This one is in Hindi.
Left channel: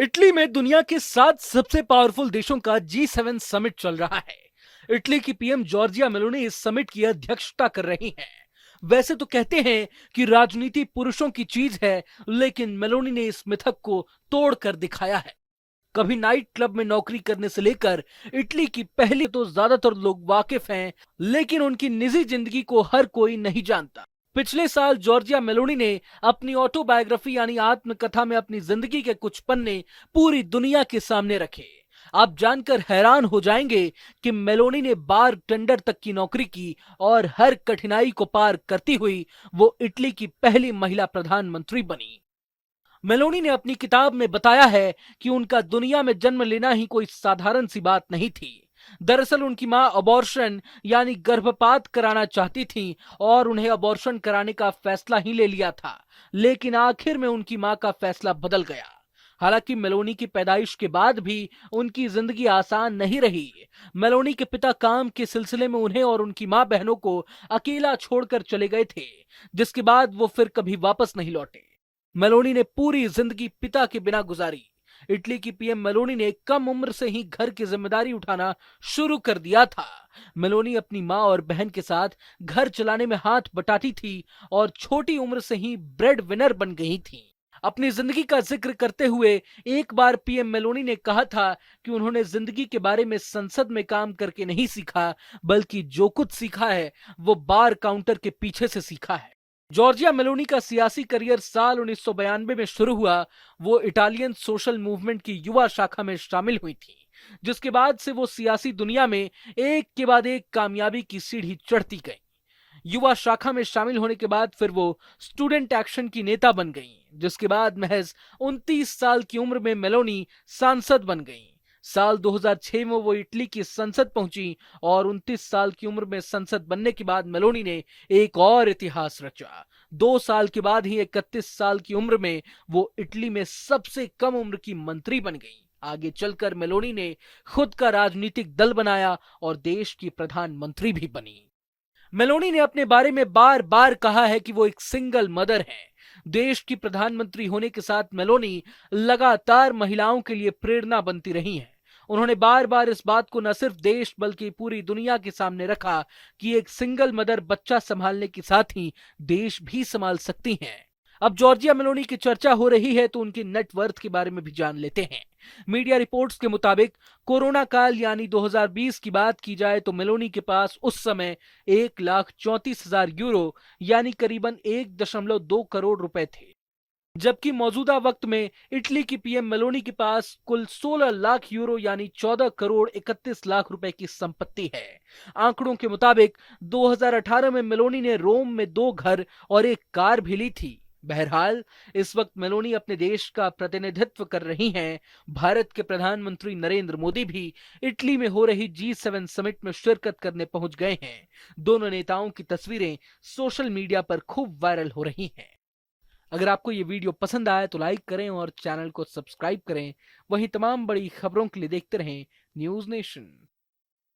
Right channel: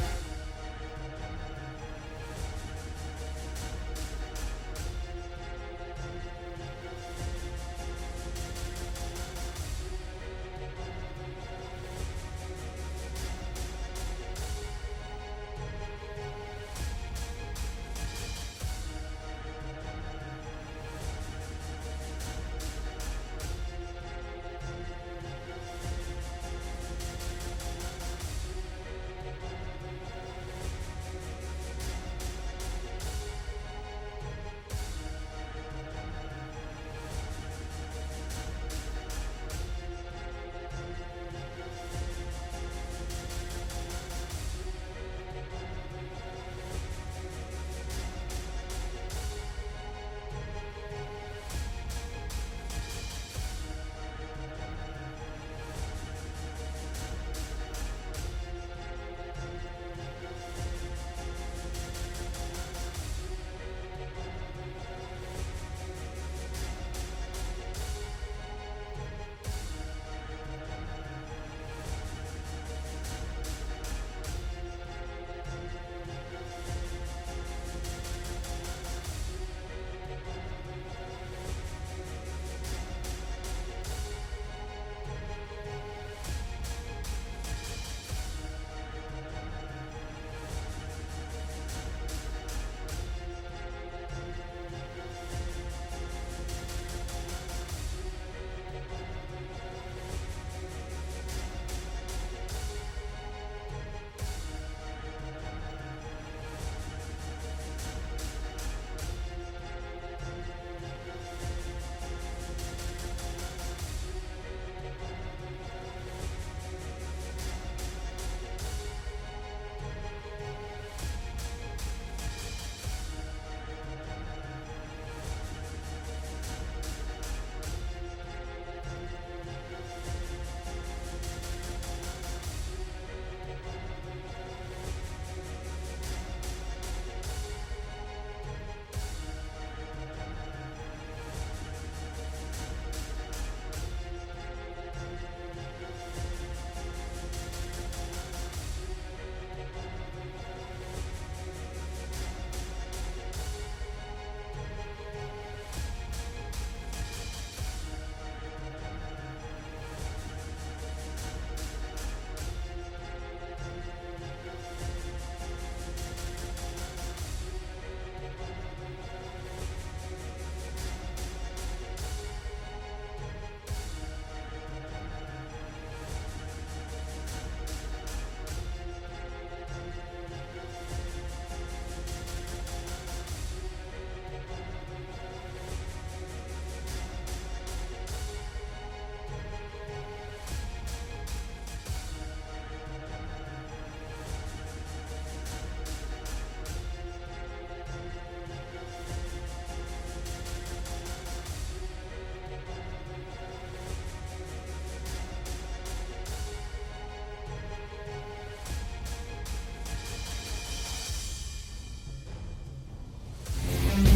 इटली में दुनिया के 7 सबसे पावरफुल देशों का G7 समिट चल रहा है। इटली की पीएम जॉर्जिया मेलोनी इस समिट की अध्यक्षता कर रही हैं। वैसे तो कहते हैं कि राजनीति पुरुषों की चीज है, लेकिन मेलोनी ने इस मिथक को तोड़ कर दिखाया है। कभी नाइट क्लब में नौकरी करने से लेकर इटली की पहली तो ज्यादातर लोग वाकिफ हैं, लेकिन उनकी निजी जिंदगी को हर कोई नहीं जानता। पिछले साल जॉर्जिया मेलोनी ने अपनी ऑटोबायोग्राफी यानी आत्मकथा में अपनी जिंदगी के कुछ पन्ने पूरी दुनिया के सामने रखे। आप जानकर हैरान हो जाएंगे कि मेलोनी ने बार टेंडर तक की नौकरी की और हर कठिनाई को पार करती हुई वो इटली की पहली महिला प्रधानमंत्री बनी। मेलोनी ने अपनी किताब में बताया है कि उनका दुनिया में जन्म लेना ही कोई साधारण सी बात नहीं थी। दरअसल उनकी मां अबॉर्शन यानी गर्भपात कराना चाहती थी और उन्हें अबॉर्शन कराने का फैसला ही ले लिया था, लेकिन आखिर में उनकी मां का फैसला बदल गया। हालांकि मेलोनी की पैदाइश के बाद भी उनकी जिंदगी आसान नहीं रही। मेलोनी के पिता काम के सिलसिले में उन्हें और उनकी मां बहनों को अकेला छोड़कर चले गए थे, जिसके बाद वो फिर कभी वापस नहीं लौटे। मेलोनी ने पूरी जिंदगी पिता के बिना गुजारी। इटली की पीएम मेलोनी ने कम उम्र से ही घर की जिम्मेदारी उठाना शुरू कर दिया था। मेलोनी अपनी मां और बहन के साथ घर चलाने में हाथ बटाती थी और छोटी उम्र से ही ब्रेड विनर बन गई थी। अपनी जिंदगी का जिक्र करते हुए एक बार पीएम मेलोनी ने कहा था कि उन्होंने जिंदगी के बारे में संसद में काम करके नहीं सीखा, बल्कि जो कुछ सीखा है वो बार काउंटर के पीछे से सीखा है। जॉर्जिया मेलोनी का सियासी करियर साल 1992 में शुरू हुआ। वो इटालियन सोशल मूवमेंट की युवा शाखा में शामिल हुई थी, जिसके बाद से वो सियासी दुनिया में एक के बाद एक कामयाबी की सीढ़ी चढ़ती गई। युवा शाखा में शामिल होने के बाद फिर वो स्टूडेंट एक्शन की नेता बन गई, जिसके बाद महज 29 साल की उम्र में मेलोनी सांसद बन गई। साल 2006 में वो इटली की संसद पहुंची और 29 साल की उम्र में संसद बनने के बाद मेलोनी ने एक और इतिहास रचा। 2 साल के बाद ही 31 साल की उम्र में वो इटली में सबसे कम उम्र की मंत्री बन गई। आगे चलकर मेलोनी ने खुद का राजनीतिक दल बनाया और देश की प्रधानमंत्री भी बनी। मेलोनी ने अपने बारे में बार बार कहा है कि वो एक सिंगल मदर है। देश की प्रधानमंत्री होने के साथ मेलोनी लगातार महिलाओं के लिए प्रेरणा बनती रही है। उन्होंने बार बार इस बात को न सिर्फ देश बल्कि पूरी दुनिया के सामने रखा कि एक सिंगल मदर बच्चा संभालने के साथ ही देश भी संभाल सकती हैं। अब जॉर्जिया मेलोनी की चर्चा हो रही है तो उनकी नेटवर्थ के बारे में भी जान लेते हैं। मीडिया रिपोर्ट्स के मुताबिक कोरोना काल यानी 2020 की बात की जाए तो मेलोनी के पास उस समय 1,34,000 यूरो यानी करीबन 1.2 करोड़ रुपए थे, जबकि मौजूदा वक्त में इटली की पीएम मेलोनी के पास कुल 16 लाख यूरो यानी 14 करोड़ 31 लाख रुपए की संपत्ति है। आंकड़ों के मुताबिक 2018 में मेलोनी ने रोम में 2 घर और 1 कार भी ली थी। बहरहाल इस वक्त मेलोनी अपने देश का प्रतिनिधित्व कर रही हैं। भारत के प्रधानमंत्री नरेंद्र मोदी भी इटली में हो रही G7 समिट में शिरकत करने पहुंच गए हैं। दोनों नेताओं की तस्वीरें सोशल मीडिया पर खूब वायरल हो रही हैं। अगर आपको ये वीडियो पसंद आए तो लाइक करें और चैनल को सब्सक्राइब करें। वहीं तमाम बड़ी खबरों के लिए देखते रहें न्यूज़ नेशन।